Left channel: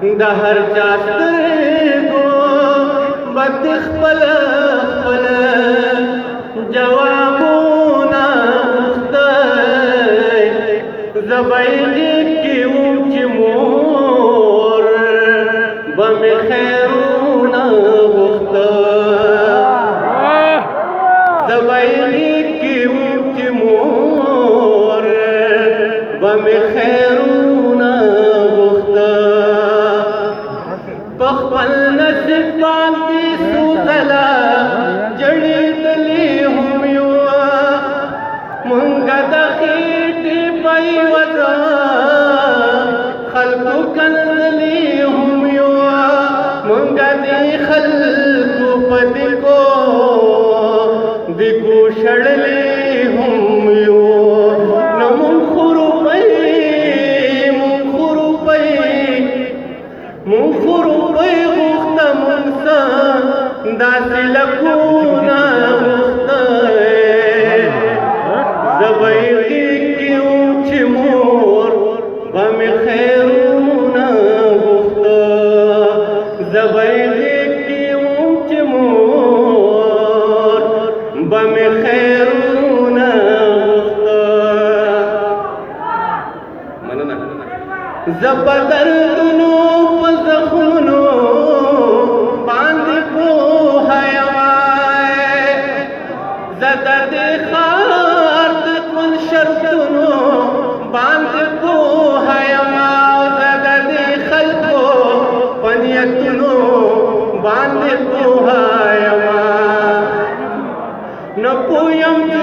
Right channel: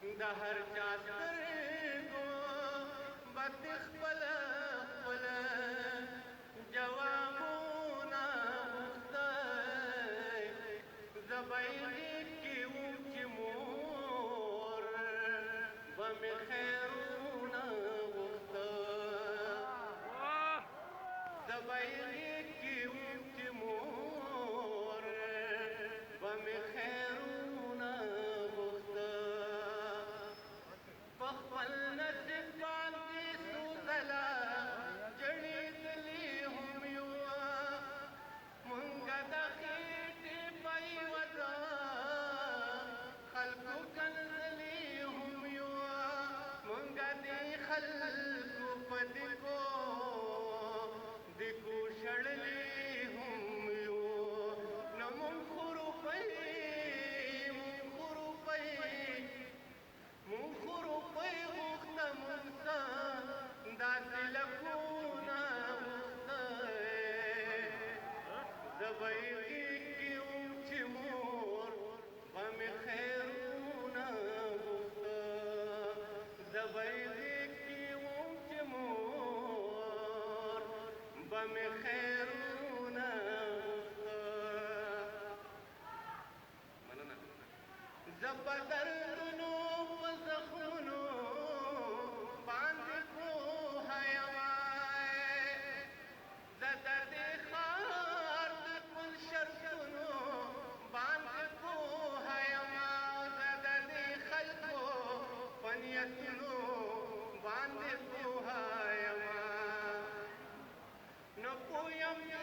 د هر چا سترګو بد خپل خپل جوابونه غوښتی زه به یې غېږ کې وم چې مور به مې خیرونه غوښته زه به یې غېږ کې وم چې مور به مې خیرونه غوښته په خپل نصیب باندې څو ځله جړېدلې هم یو مونږه د خېټې په یوه خلکو کنځلې هم یو مونږه د خلکو په دیګو شړلې هم یو نو مونږ خو روپۍ غوښته مونږ څه داسې لکونه غوښتی زه به یې غېږ کې وم چې مور به مې خیرونه غوښته زه به یې غېږ کې وم چې مور به مې خیرونه غوښته مننه زه په دردونو په زخمونو باندې پوهه یمه زه د دې ښار د ټول شرطونو باندې پوهه یمه زه د دې خلکو په نیتونو باندې پوهه یمه نه پوهیم چې